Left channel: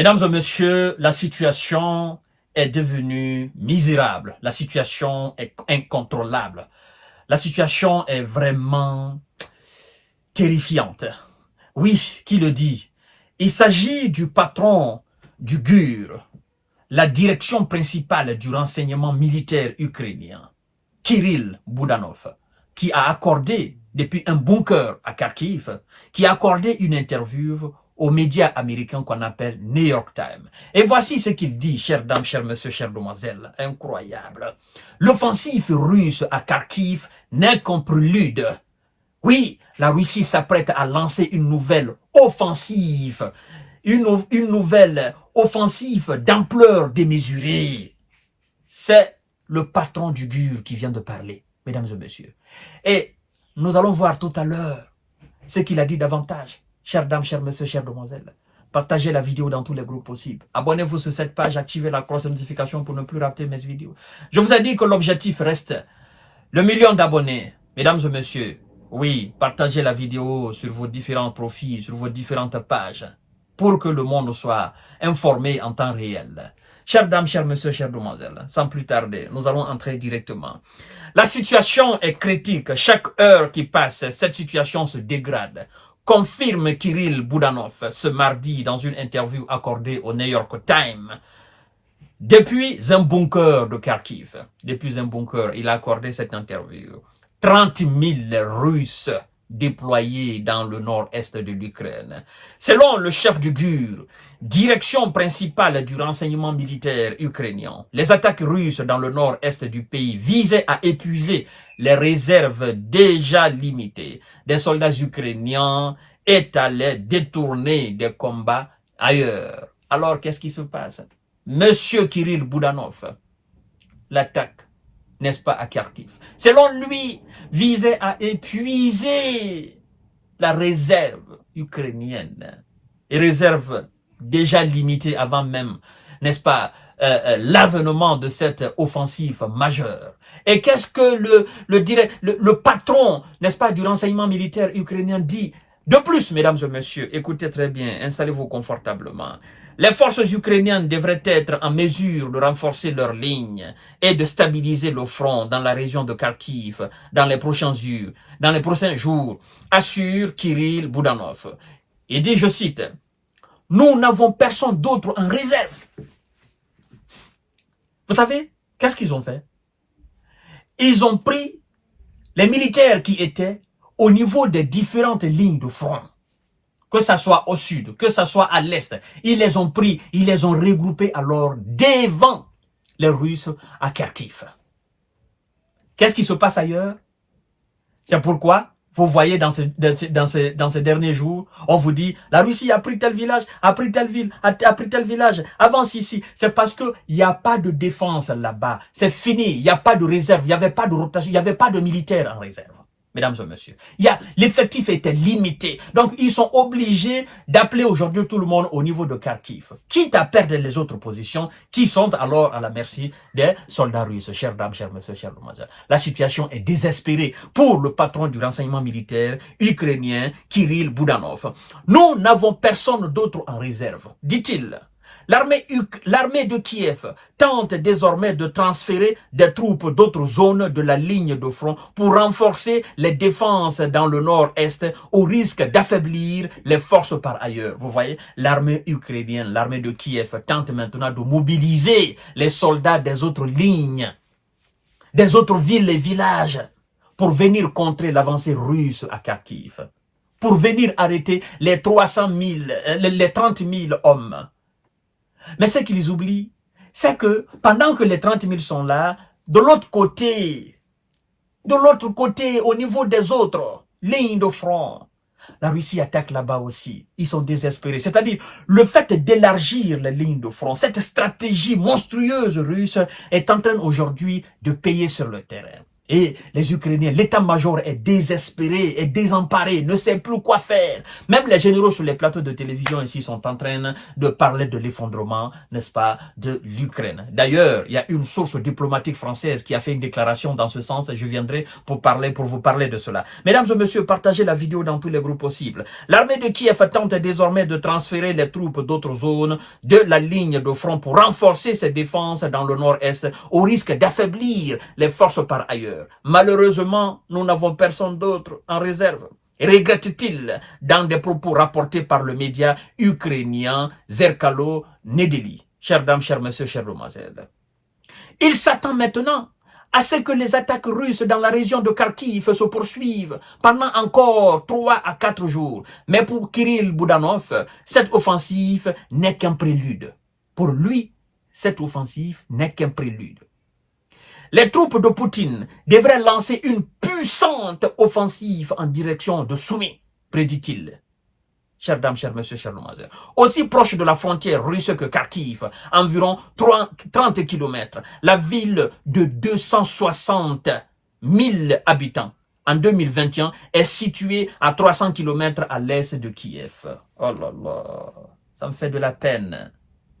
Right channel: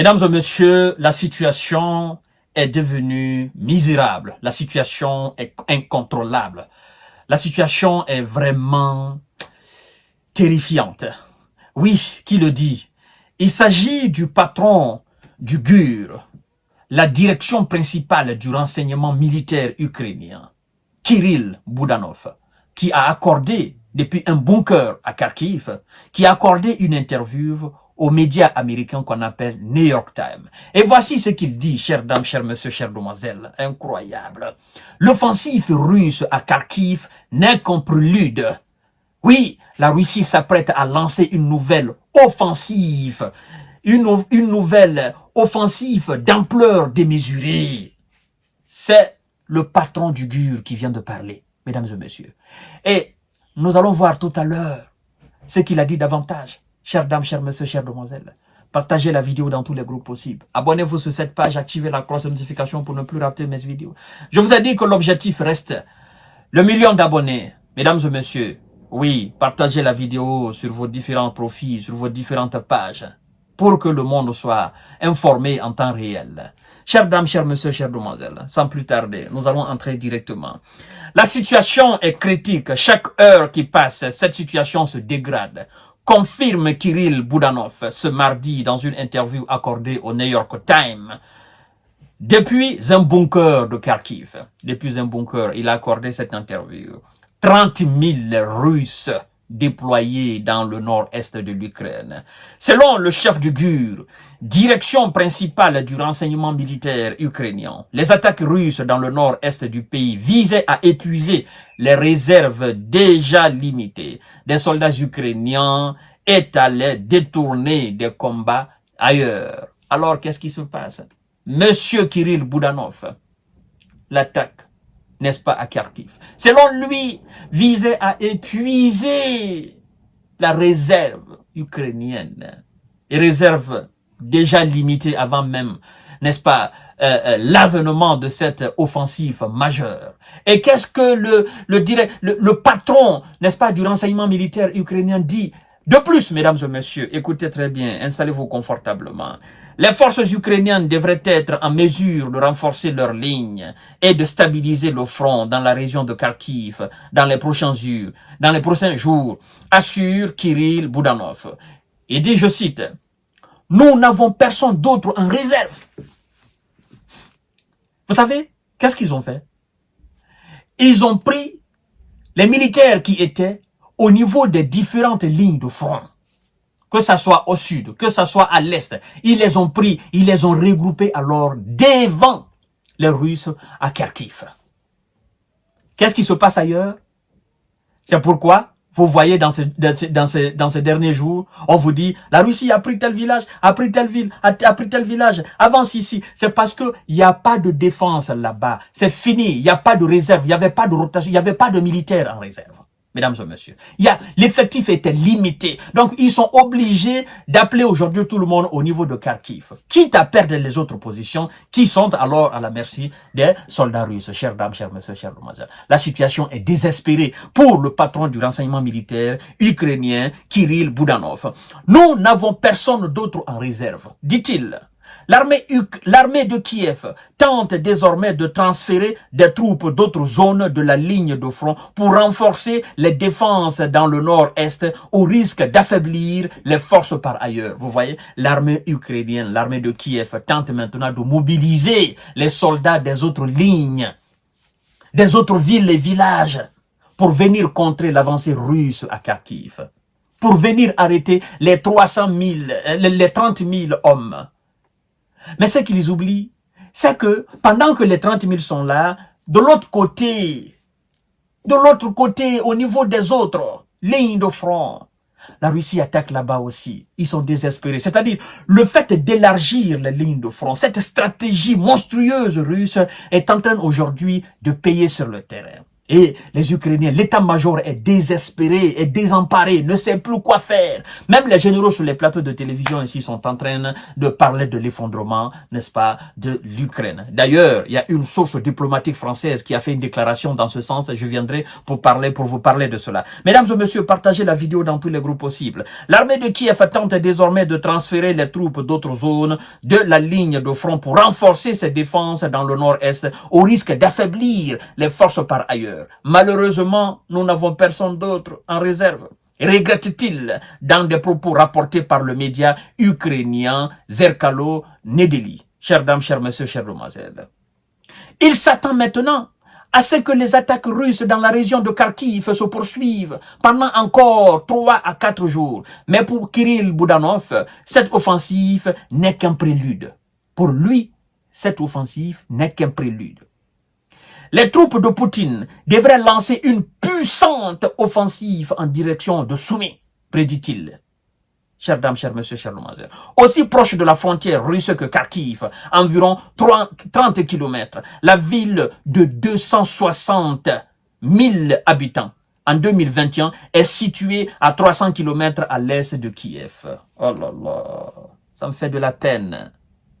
Mesdames et messieurs, la situation est devenue misérable. La situation est incontrôlable. La situation est vraiment terrifiante. Oui, qui le dit? Il s'agit du patron du GUR, la direction principale du renseignement militaire ukrainien, Kirill Budanov, qui a accordé, depuis un bunker à Kharkiv, qui a accordé une interview aux médias américains qu'on appelle New York Times. Et voici ce qu'il dit, chères dames, chers messieurs, chères demoiselles. Incroyable. L'offensive russe à Kharkiv n'est qu'un prélude. Oui, la Russie s'apprête à lancer une nouvelle offensive. Une nouvelle offensive d'ampleur démesurée. C'est le patron du GUR qui vient de parler, mesdames et messieurs. Et nous allons voir tout à l'heure ce qu'il a dit davantage. Chères dames, chers messieurs, chères demoiselles, partagez la vidéo dans tous les groupes possibles. Abonnez-vous sur cette page, activez la cloche de notification pour ne plus rater mes vidéos. Je vous ai dit que l'objectif reste le 1 million d'abonnés. Mesdames et messieurs, oui, partagez la vidéo sur vos différents profils, sur vos différentes pages, pour que le monde soit informé en temps réel. Chères dames, chers messieurs, chères demoiselles, sans plus tarder, nous allons entrer directement. La situation est critique. Chaque heure qui passe, cette situation se dégrade. Confirme Kirill Budanov ce mardi dans une interview accordée au New York Times. Depuis un bunker de Kharkiv, depuis un bunker, il a accordé cette interview. 30 000 Russes déployés dans le nord-est de l'Ukraine. Selon le chef du GUR, direction principale du renseignement militaire ukrainien, les attaques russes dans le nord-est du pays visaient à épuiser les réserves déjà limitées des soldats ukrainiens et allaient détourner des combats ailleurs. Alors, qu'est-ce qui se passe? Monsieur Kirill Budanov, l'attaque, n'est-ce pas, à Kharkiv, selon lui, visait à épuiser la réserve ukrainienne, et réserve déjà limitée avant même, n'est-ce pas, l'avènement de cette offensive majeure. Et qu'est-ce que le patron, n'est-ce pas, du renseignement militaire ukrainien dit? De plus, mesdames et messieurs, écoutez très bien, installez-vous confortablement. Les forces ukrainiennes devraient être en mesure de renforcer leurs lignes et de stabiliser le front dans la région de Kharkiv dans les prochains jours, assure Kirill Budanov. Il dit, je cite, « Nous n'avons personne d'autre en réserve. » Vous savez, qu'est-ce qu'ils ont fait? Ils ont pris les militaires qui étaient au niveau des différentes lignes de front, que ce soit au sud, que ce soit à l'est. Ils les ont pris, ils les ont regroupés alors devant les Russes à Kharkiv. Qu'est-ce qui se passe ailleurs? C'est pourquoi vous voyez dans ces derniers jours, on vous dit, la Russie a pris tel village, a pris telle ville, a pris tel village, avance ici. C'est parce que il n'y a pas de défense là-bas. C'est fini, il n'y a pas de réserve, il n'y avait pas de rotation, il n'y avait pas de militaires en réserve. Mesdames et messieurs, l'effectif était limité. Donc, ils sont obligés d'appeler aujourd'hui tout le monde au niveau de Kharkiv, quitte à perdre les autres positions qui sont alors à la merci des soldats russes. Chères dames, chers messieurs, chers demoiselles, la situation est désespérée pour le patron du renseignement militaire ukrainien, Kirill Budanov. Nous n'avons personne d'autre en réserve, dit-il. L'armée de Kiev tente désormais de transférer des troupes d'autres zones de la ligne de front pour renforcer les défenses dans le nord-est au risque d'affaiblir les forces par ailleurs. Vous voyez, l'armée ukrainienne, l'armée de Kiev tente maintenant de mobiliser les soldats des autres lignes, des autres villes et villages pour venir contrer l'avancée russe à Kharkiv, pour venir arrêter les 30 000 hommes. Mais ce qu'ils oublient, c'est que pendant que les 30 000 sont là, de l'autre côté, au niveau des autres lignes de front, la Russie attaque là-bas aussi. Ils sont désespérés. C'est-à-dire, le fait d'élargir les lignes de front, cette stratégie monstrueuse russe est en train aujourd'hui de payer sur le terrain. Et les Ukrainiens, l'état-major est désespéré, est désemparé, ne sait plus quoi faire. Même les généraux sur les plateaux de télévision ici sont en train de parler de l'effondrement, n'est-ce pas, de l'Ukraine. D'ailleurs, il y a une source diplomatique française qui a fait une déclaration dans ce sens. Je viendrai pour vous parler de cela. Mesdames et messieurs, partagez la vidéo dans tous les groupes possibles. L'armée de Kiev tente désormais de transférer les troupes d'autres zones de la ligne de front pour renforcer ses défenses dans le nord-est au risque d'affaiblir les forces par ailleurs. Malheureusement, nous n'avons personne d'autre en réserve, regrette-t-il dans des propos rapportés par le média ukrainien Zerkalo Nedeli. Chères dames, chers messieurs, chers demoiselles. Il s'attend maintenant à ce que les attaques russes dans la région de Kharkiv se poursuivent pendant encore 3 à 4 jours. Mais pour Kirill Budanov, cette offensive n'est qu'un prélude. Pour lui, cette offensive n'est qu'un prélude. Les troupes de Poutine devraient lancer une puissante offensive en direction de Soumy, prédit-il. Chères dames, chers messieurs, chers demoiselles. Aussi proche de la frontière russe que Kharkiv, environ 30 km, la ville de 260 000 habitants en 2021 est située à 300 km à l'est de Kiev. Oh là là, ça me fait de la peine,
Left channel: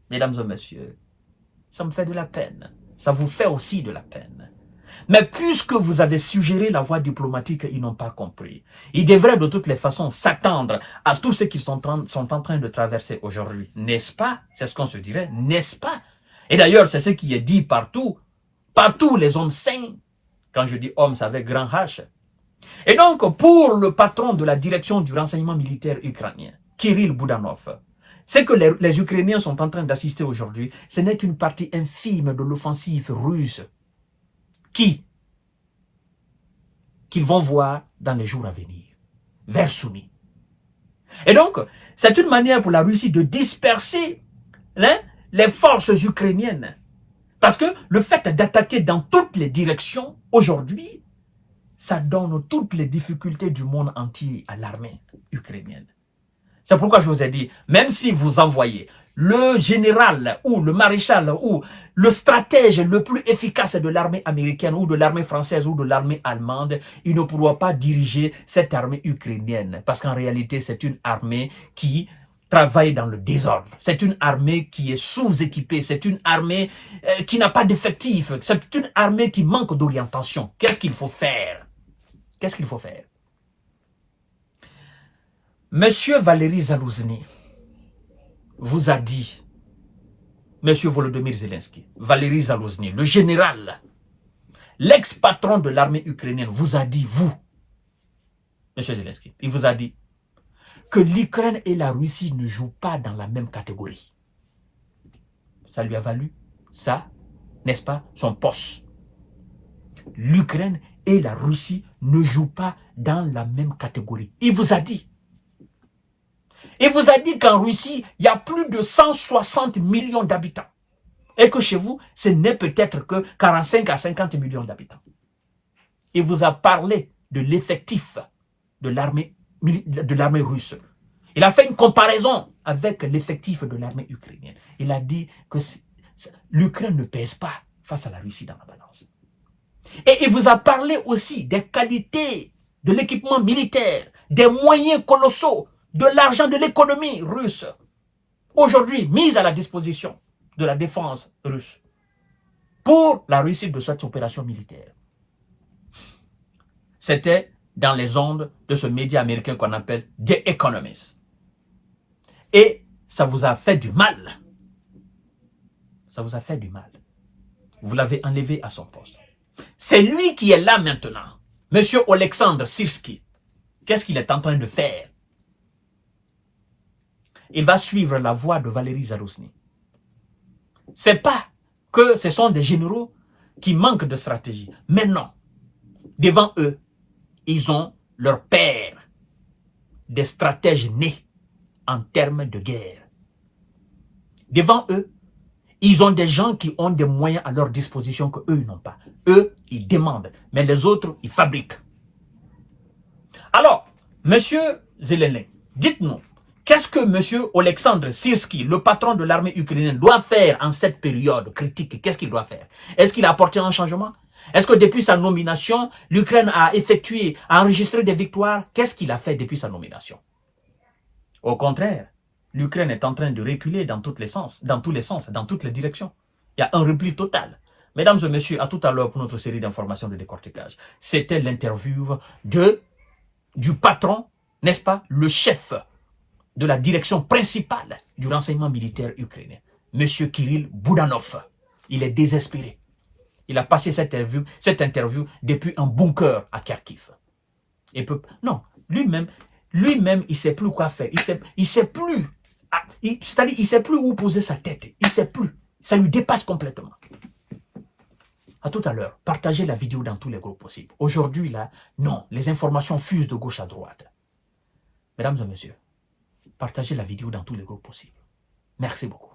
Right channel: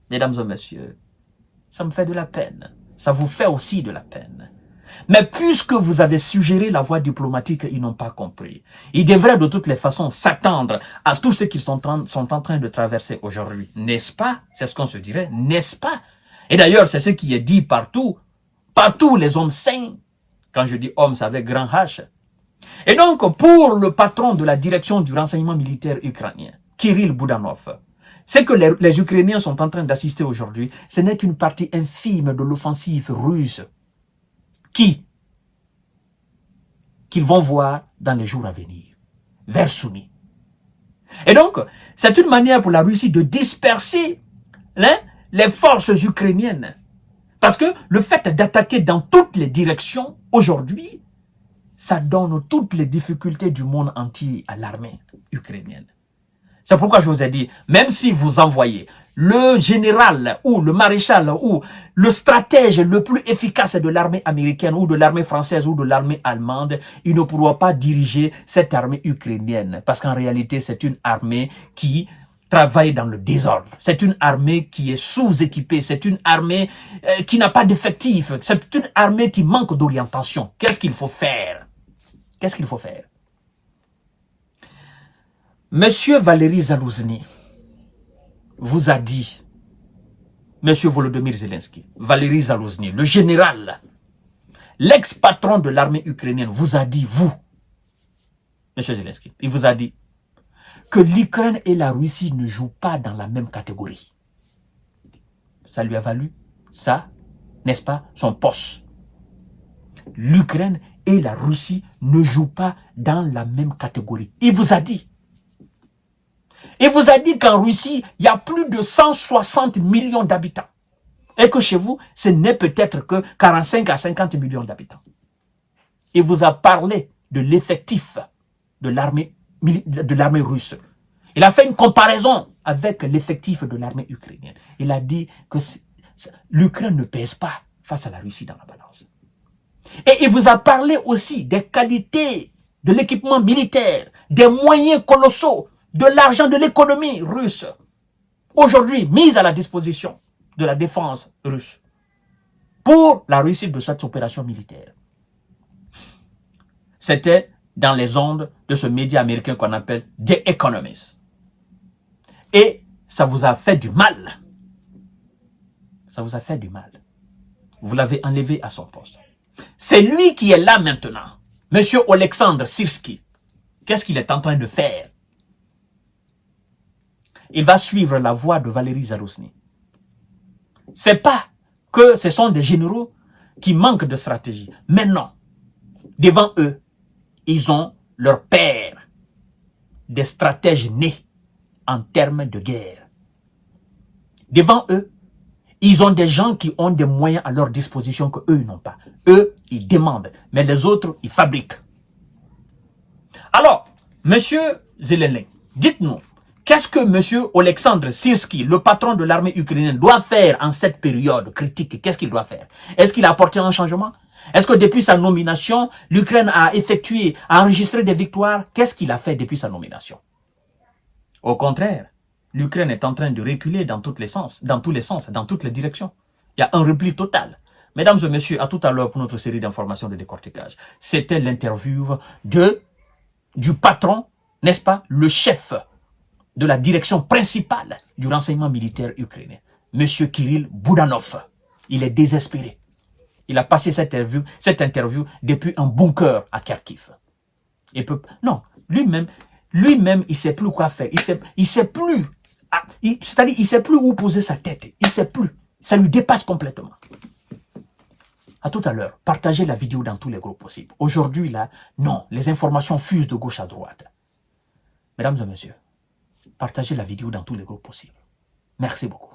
mesdames et messieurs. Ça me fait de la peine. Ça vous fait aussi de la peine. Mais puisque vous avez suggéré la voie diplomatique, ils n'ont pas compris. Ils devraient de toutes les façons s'attendre à tout ce qu'ils sont en train de traverser aujourd'hui. N'est-ce pas? C'est ce qu'on se dirait, n'est-ce pas? Et d'ailleurs, c'est ce qui est dit partout. Partout, les hommes saints. Quand je dis hommes, c'est avec grand H. Et donc, pour le patron de la direction du renseignement militaire ukrainien, Kirill Budanov, ce que les Ukrainiens sont en train d'assister aujourd'hui, ce n'est qu'une partie infime de l'offensive russe qu'ils vont voir dans les jours à venir, vers Soumy. Et donc, c'est une manière pour la Russie de disperser les forces ukrainiennes. Parce que le fait d'attaquer dans toutes les directions, aujourd'hui, ça donne toutes les difficultés du monde entier à l'armée ukrainienne. C'est pourquoi je vous ai dit, même si vous envoyez le général ou le maréchal ou le stratège le plus efficace de l'armée américaine ou de l'armée française ou de l'armée allemande, il ne pourra pas diriger cette armée ukrainienne. Parce qu'en réalité, c'est une armée qui travaille dans le désordre. C'est une armée qui est sous-équipée. C'est une armée qui n'a pas d'effectifs. C'est une armée qui manque d'orientation. Qu'est-ce qu'il faut faire? Qu'est-ce qu'il faut faire? Monsieur Valéry Zalouzny vous a dit, Monsieur Volodymyr Zelensky, Valéry Zalouzny, le général, l'ex-patron de l'armée ukrainienne, vous a dit, vous, Monsieur Zelensky, il vous a dit que l'Ukraine et la Russie ne jouent pas dans la même catégorie. Ça lui a valu, ça, n'est-ce pas, son poste. L'Ukraine et la Russie ne jouent pas dans la même catégorie. Il vous a dit. Il vous a dit qu'en Russie, il y a plus de 160 millions d'habitants. Et que chez vous, ce n'est peut-être que 45 à 50 millions d'habitants. Il vous a parlé de l'effectif de l'armée russe. Il a fait une comparaison avec l'effectif de l'armée ukrainienne. Il a dit que l'Ukraine ne pèse pas face à la Russie dans la balance. Et il vous a parlé aussi des qualités de l'équipement militaire, des moyens colossaux, de l'argent de l'économie russe, aujourd'hui mise à la disposition de la défense russe pour la réussite de cette opération militaire. C'était dans les ondes de ce média américain qu'on appelle The Economist. Et ça vous a fait du mal. Ça vous a fait du mal. Vous l'avez enlevé à son poste. C'est lui qui est là maintenant. Monsieur Alexandre Sirski. Qu'est-ce qu'il est en train de faire? Il va suivre la voie de Valéry Zalouzny. C'est pas que ce sont des généraux qui manquent de stratégie. Mais non. Devant eux, ils ont leur père, des stratèges nés en termes de guerre. Devant eux, ils ont des gens qui ont des moyens à leur disposition que eux n'ont pas. Eux, ils demandent, mais les autres, ils fabriquent. Alors, monsieur Zelensky, dites-nous, qu'est-ce que monsieur Alexandre Sirski, le patron de l'armée ukrainienne, doit faire en cette période critique? Qu'est-ce qu'il doit faire? Est-ce qu'il a apporté un changement? Est-ce que depuis sa nomination, l'Ukraine a enregistré des victoires? Qu'est-ce qu'il a fait depuis sa nomination? Au contraire, l'Ukraine est en train de reculer dans tous les sens, dans toutes les directions. Il y a un repli total. Mesdames et messieurs, à tout à l'heure pour notre série d'informations de décortiquage. C'était l'interview du patron, n'est-ce pas, le chef de la direction principale du renseignement militaire ukrainien, M. Kirill Boudanov. Il est désespéré. Il a passé cette interview depuis un bunker à Kharkiv. Non, lui-même, il ne sait plus quoi faire. Il sait plus. C'est-à-dire, il ne sait plus où poser sa tête. Il ne sait plus. Ça lui dépasse complètement. À tout à l'heure. Partagez la vidéo dans tous les groupes possibles. Aujourd'hui, là, non, les informations fusent de gauche à droite. Mesdames et messieurs, partagez la vidéo dans tous les groupes possibles. Merci beaucoup.